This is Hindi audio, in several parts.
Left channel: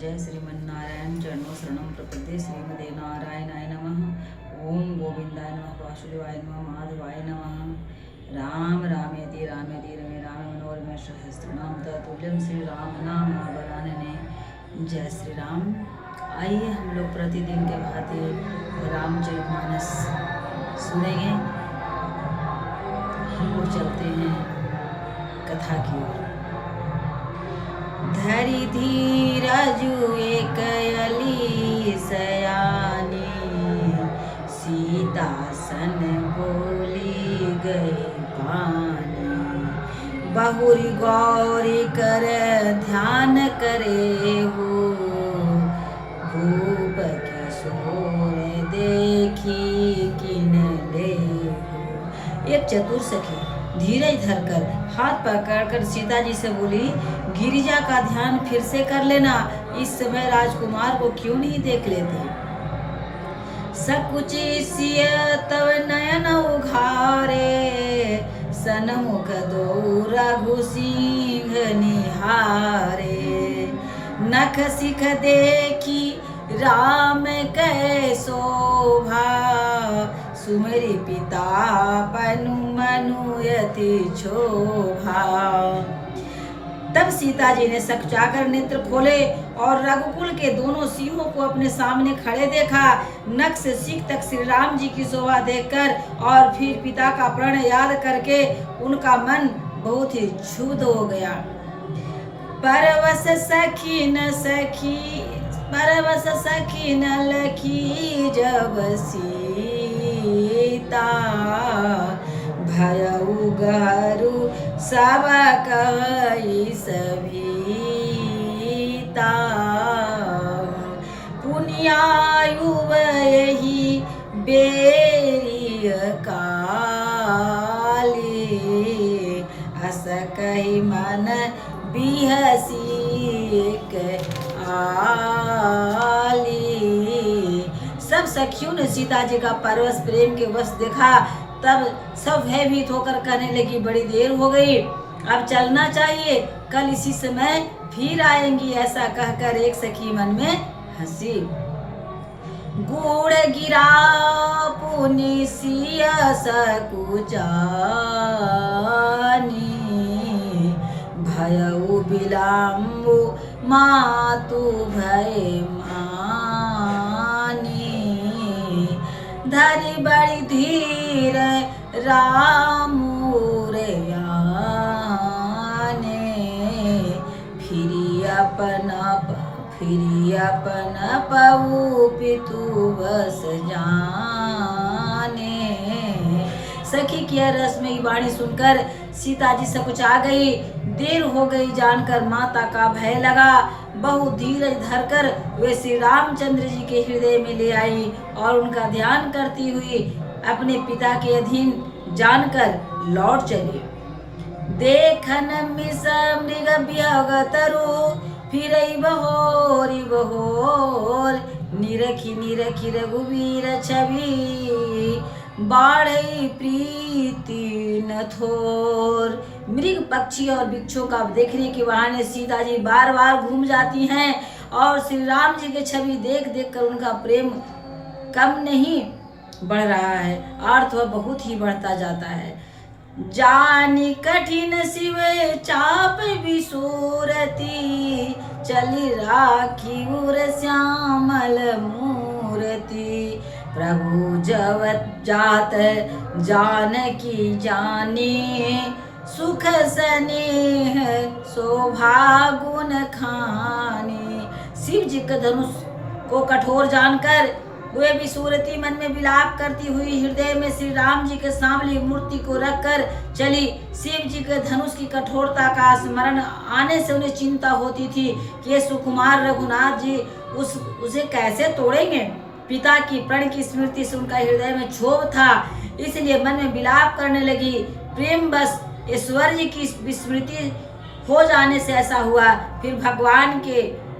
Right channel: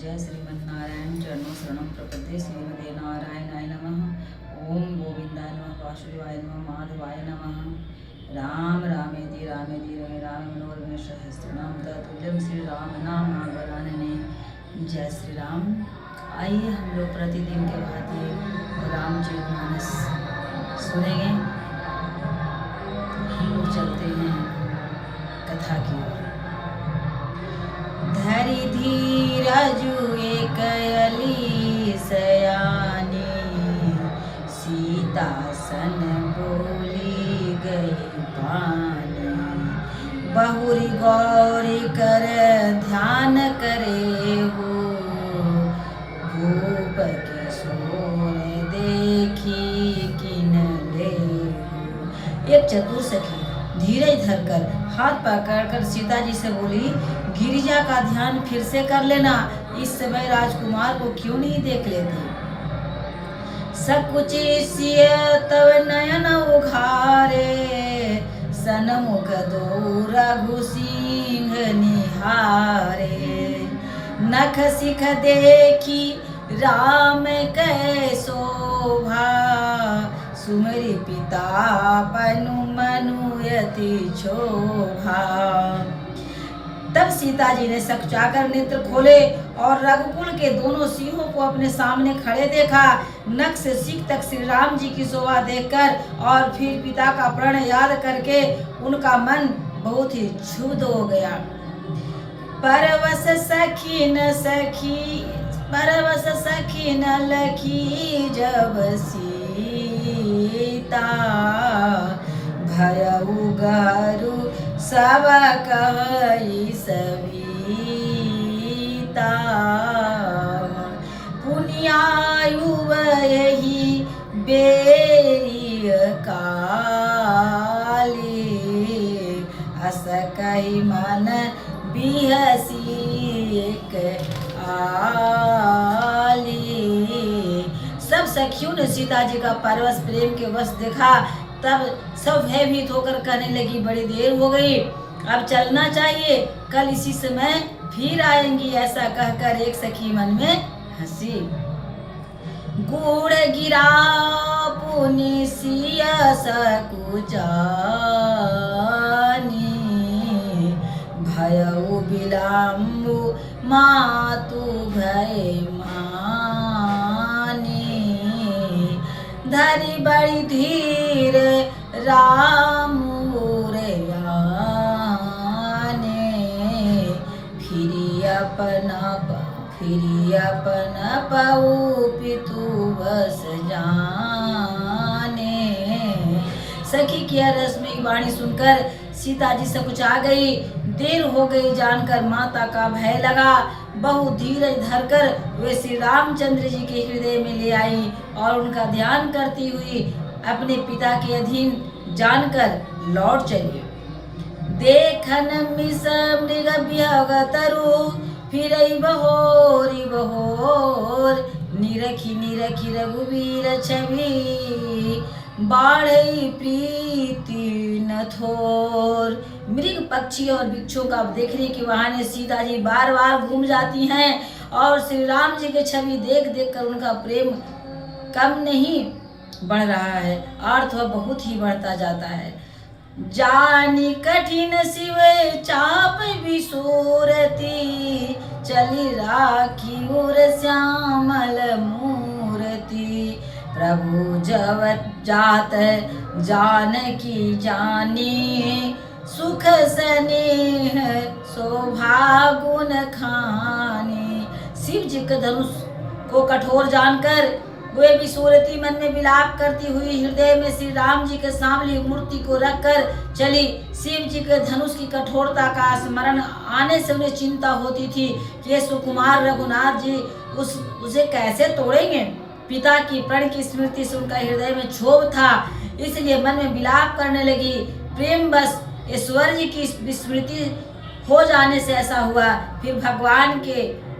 जय श्रीमन्नारायण चरणों शरणं प्रपद्ये श्रीमते नारायणाय नमः। ओम गोविंदाय नमः, वासुदेवाय नमः, माधवाय नमः। राम रामेति रामेति रमे राम मनोरमे सहस्रनाम तत्तुल्यं श्री राम नाम वरानने। जय श्री राम। आइए हम लोग प्रतिदिन के भांति रामचरितमानस सुनेंगे। हम लोग चलते हैं कथा की ओर। धरि धीरजु एक अली सयानी, सीता सन बोली गई पानी। बहुरी गौरी कर ध्यान करे हो, भूप किशोर देखी किन ले। एक चतुर सखी धीरज धरकर हाथ पकड़कर सीता जी से बोली, गिरिजा का ध्यान फिर से कर लेना, इस समय राजकुमार को क्यों नहीं देख लेती। सकुच सिय तव नयन उघारे, सनमुख दो रघु सिंह निहारे। नख सिख देखी राम कै शोभा, सुमरि पिता पनु मनुयति शोभा। तब सीता जी ने सकचाकर नेत्र खोले और रघुकुल के दोनों सिंहों को अपने सामने खड़े देखा। नख से सीख तक श्री राम जी की शोभा देखकर और फिर पिता का प्रण याद करके उनका मन बहुत ही क्षुब्ध हो गया। परवश सखी न लखी जब सीता, भयउ गरु सब कहि सविता। पुण्यायु यही बेय काली, हस कहि मन बिहसी आली। सब सखियों ने सीता जी का परवश प्रेम के वश देखा। तब सब भयभीत होकर कहने लगी, बड़ी देर हो गई, अब चलना चाहिए, कल इसी समय फिर आएंगी। ऐसा कहकर एक सखी मन में हंसी। गुड़ गिरा पुनि सिया सकुचानी, भयउ बिलम्बु मातु भय मानी। धरि बड़ी धीर राम आने, फिरी अपन पऊ पितु बस जाने। सखी की रसमयी वाणी सुनकर सीता जी सकुचा गई। देर हो गई जानकर माता का भय लगा। बहुत धीरज धरकर वे श्री रामचंद्र जी के हृदय में ले आई और उनका ध्यान करती हुई अपने पिता के अधीन जानकर लौट चली। देखन मिस मृग विहग तरु, फिर बहोर निरखी रघुवीर छवि, बाढ़ई प्रीति न थोर। मृग पक्षी और वृक्षों का देखने के बहाने सीता जी बार बार घूम जाती हैं और श्री राम जी की छवि देख देख कर उनका प्रेम कम नहीं बढ़ रहा है, अर्थ वह बहुत ही बढ़ता जाता है। जानी कठिन शिव चाप विसूरती, चली राखी उर श्यामल मूर्ति। प्रभु जवत जात जानकी जानी, सुख स्नेह शोभा गुण खानी। शिव जी के धनुष को कठोर जानकर वे भी सूरती मन में विलाप करती हुई हृदय में श्री राम जी के सामने मूर्ति को रखकर चली। शिव जी के धनुष की कठोरता का स्मरण आने से उन्हें चिंता होती थी कि सुकुमार रघुनाथ जी उसे कैसे तोड़ेंगे। पिता की प्रण की स्मृति से उनका हृदय में क्षोभ था, इसलिए मन में विलाप करने लगी। प्रेम बस ईश्वर जी की विस्मृति हो जाने से ऐसा हुआ। फिर भगवान के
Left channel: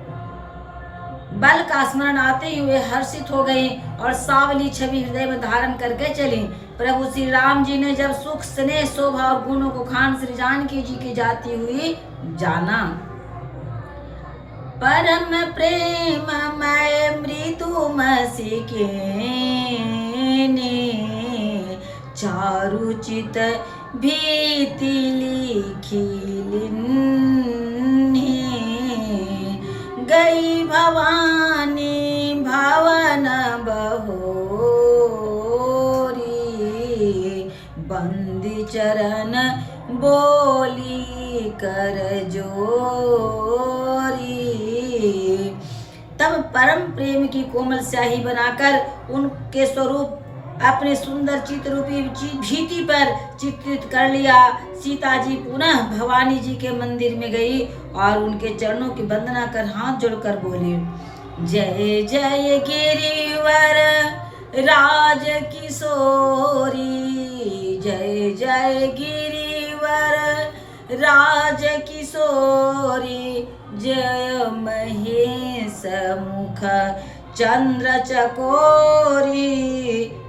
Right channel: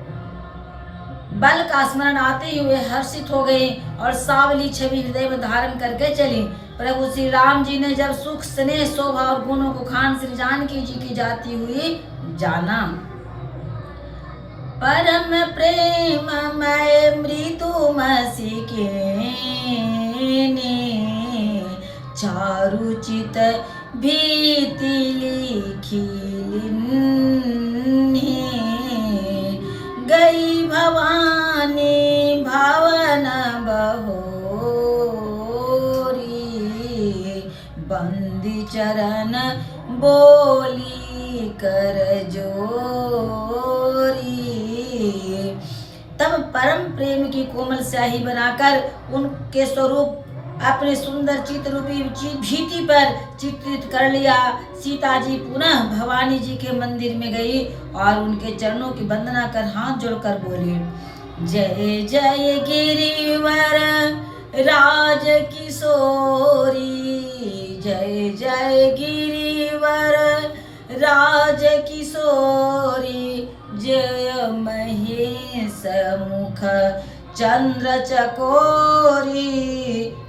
बल का स्मरण आते ही वे हर्षित हो गई और सावली छवि हृदय में धारण करके चली। प्रभु श्री राम जी ने जब सुख स्नेह शोभा और गुणों को खान श्री जानकी जी की जाती हुई जाना, परम प्रेम मैं मृदुमसी के चारुचित भीति लिखी गई भवानी भवन बहोरी बंदी चरण बोली कर जोरी। तब परम प्रेम की कोमल स्याही बनाकर उनके स्वरूप अपने सुंदर चित्र रूपी भीति पर चित्रित कर लिया। सीता जी पुनः भवानी जी के मंदिर में गई और उनके चरणों की वंदना कर हाथ जोड़कर बोली, जय जय गिरिवर राज किशोरी, जय जय गिरिवर राज किशोरी, जय महेश मुख चंद्र चकोरी,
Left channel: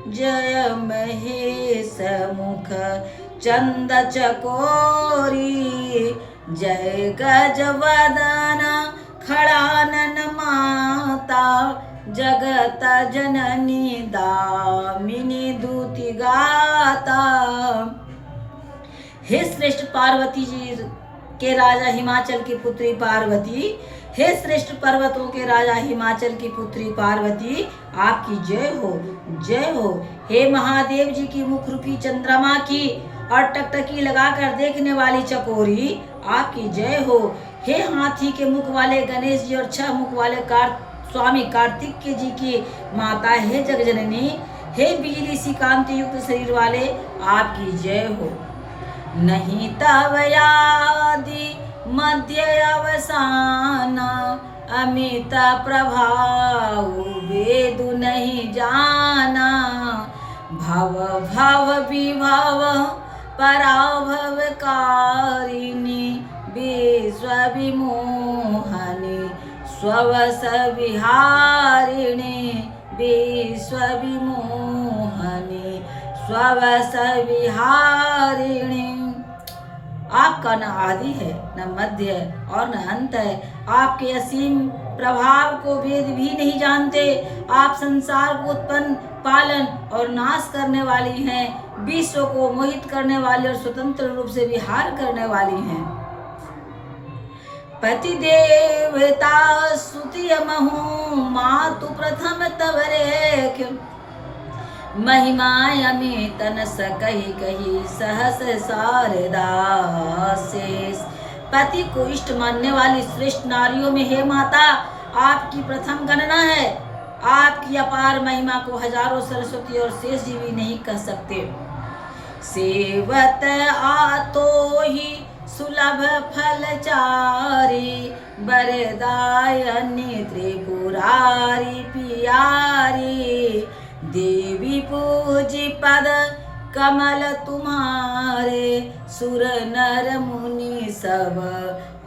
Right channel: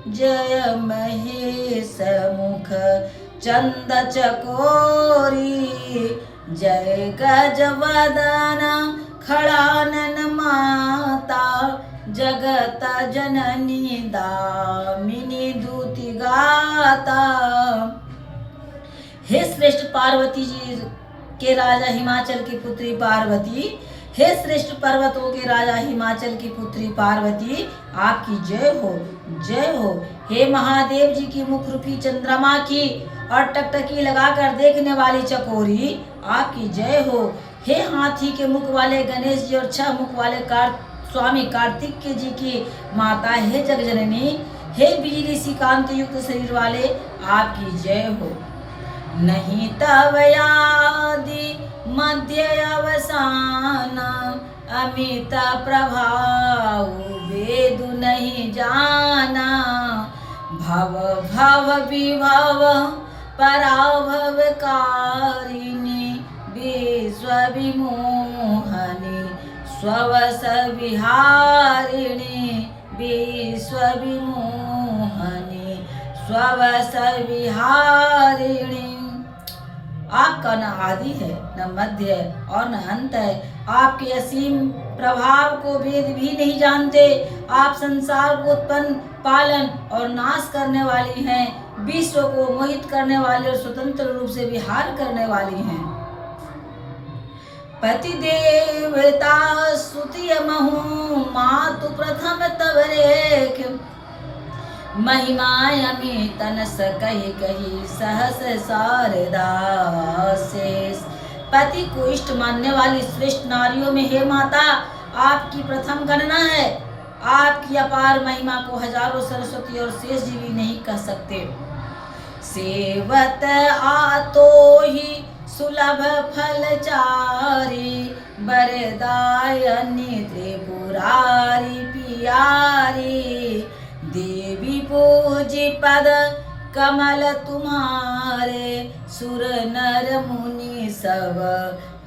जय महेश मुख चंद्र चकोरी, जय गजवदन खड़ानन माता, जगत जननी दामिनी दूति गाता। हे श्रेष्ठ पार्वती जी के राजा हिमाचल की पुत्री पार्वती, हे श्रेष्ठ पर्वतों के राजा हिमाचल की पुत्री पार्वती, आपकी जय हो, जय हो। हे महादेव जी की मुख रूपी चंद्रमा की और टकटकी लगाकर देखने वाली चकोरी, आपकी जय हो। हे हाथी के मुख वाले गणेश जी और 6 मुख वाले स्वामी कार्तिकेय जी की माता, हे जगजननी, हे बिजली सी कांति युक्त शरीर वाले, आपकी जय हो। नहीं तव आदि मध्य अवसान, अमित प्रभाव वेद नहीं जाना, भव भव विभव पराभव कारिणी, विश्व विमोहनी स्ववस विहारिणी, विश्व विमोहनी स्ववस विहारिणी। आपका न आदि है, न मध्य है और न अंत है। आपके असीम प्रभाव को वेद भी नहीं जानते। आप संसार को उत्पन्न, पालन और नाश करने वाली हैं, विश्व को मोहित करने वाली और स्वतंत्र रूप से विहार करने वाली हैं। पति देवता स्तुति महु मातु प्रथम तव रेख, महिमाय अमित न सकहि कही सहस शारदा शेष। पति को इष्ट मानने वाली श्रेष्ठ नारियों में हे माता, आपकी प्रथम गणना है। आपकी अपार महिमा को हजारों सरस्वती और शेष जी भी नहीं कह सकते। सेवत आतो ही सुलभ फलचारी, बरदायनी त्रिपुरारी पियारी, देवी पूजी पद कमल तुम्हारे, सुर नर मुनि सब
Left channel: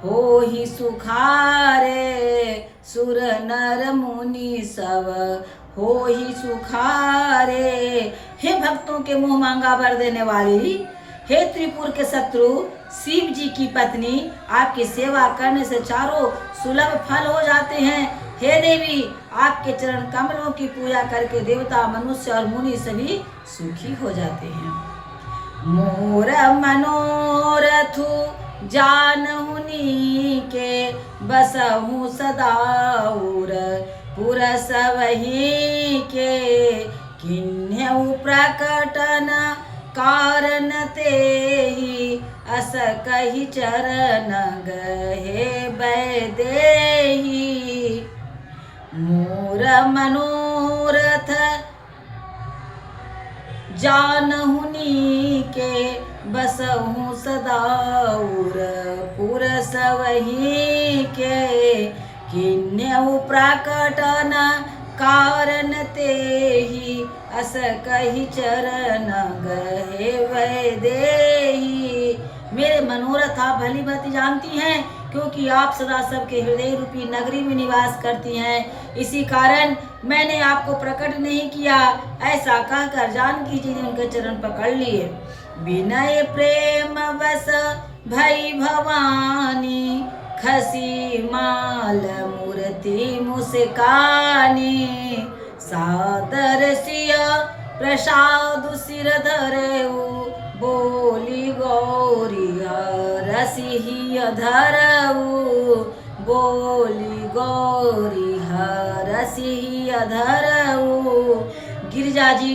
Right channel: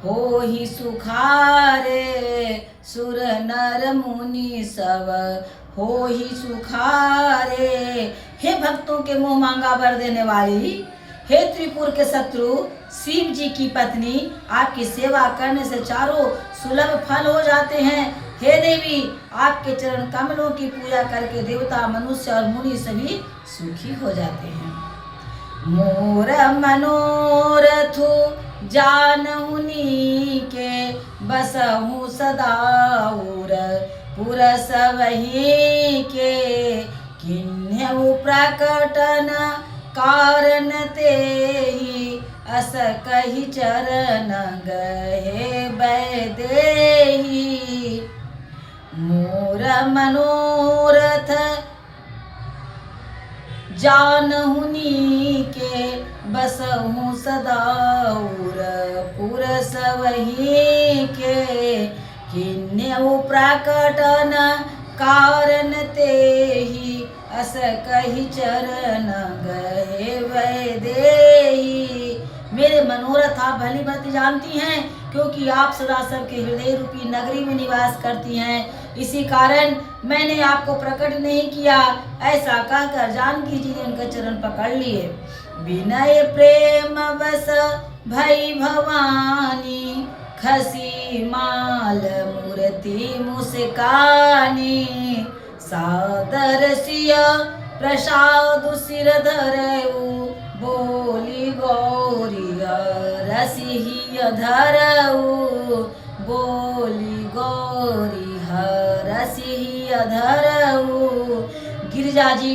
हो ही सुखारे, सुर नर मुनि सब हो ही सुखारे। हे भक्तों के मुंह मांगा भर देने वाली, हे त्रिपुर के शत्रु शिव जी की पत्नी, आपकी सेवा करने से चारों सुलभ फल हो जाते हैं। हे देवी, आपके चरण कमलों की पूजा करके देवता, मनुष्य और मुनि सभी सुखी हो जाते हैं। मोर मनोरथु जानहुनी के, बसहु सदाउर पुरसवही के, किन्हु प्रकटन कारण तेहि, अस कहि चरण गहे बैदेहि। मोर मनोरथ जानहुनी के, बसहु सदाउर पुरसवही के, किन्हु प्रकटन कारण तेहि, अस कहि चरण गहे वैदेही। मेरे मनोरथ आप भली भांति जानती हैं, क्योंकि आप सदा सबके हृदय रूपी नगरी में निवास करती हैं। इसी कारण मैंने आपको प्रकट नहीं किया। ऐसा कहकर जानकी जी ने उनके चरण पकड़ लिए। विनय प्रेम बस भई भवानी, खसी माल मूर्ति मुस्कानी, सादर सिया प्रसाद सिर धरऊ, बोली गौरी रसिही धरऊ, बोली गौरी रसिही धरऊ। गिरिजा जी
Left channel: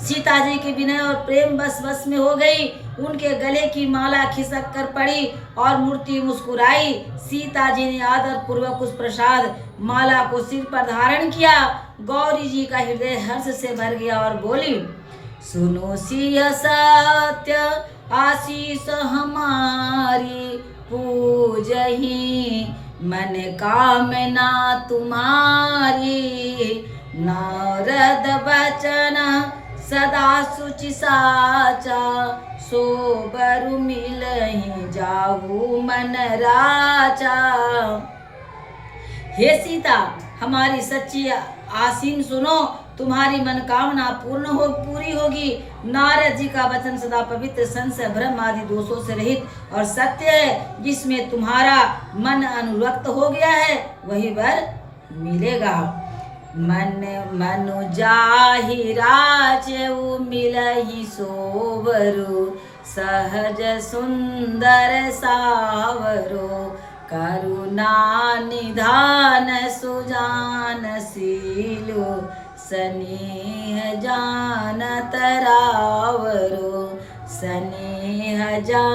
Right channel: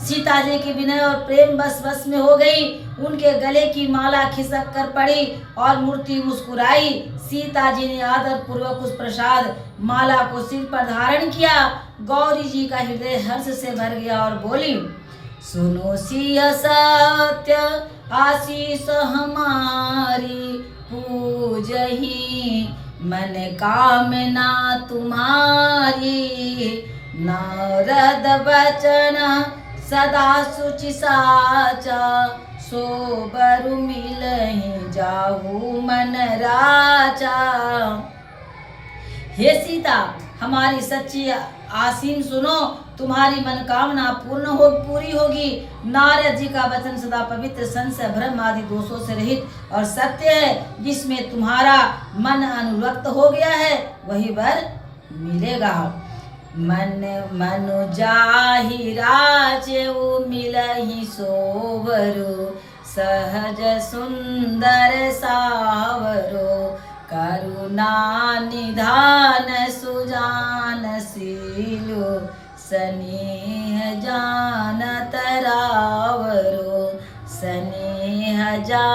सीता जी के विनय और प्रेम बस में हो गई। उनके गले की माला खिसक कर पड़ी और मूर्ति मुस्कुराई। सीता जी ने आदर पूर्वक उस प्रसाद माला को सिर पर धारण किया। गौरी जी का हृदय हर्ष से भर गया और बोली, सुनो सिया सत्य आशीष हमारी, पूजही मन कामना तुम्हारी, नारद बचन सदा सुचि साचा, सोबरु मिलहि जाऊ मन राजा। हे सीता, हमारी सच्ची आसीम सुनो, तुम्हारी मनोकामना पूरी होगी। नारद जी का वचन सदा पवित्र, संशय भ्रम आदि दोषों से रहित और सत्य है। जिसमें तुम्हारा मन अनुरक्त हो गया है वही वर मिलेगा। मनु जाहि राजऊ मिलहि सोवरो, सहज सुंदर सावरो, करुणा निधान सुजान सीलो, स्नेह जानत रावरो, स्नेह जान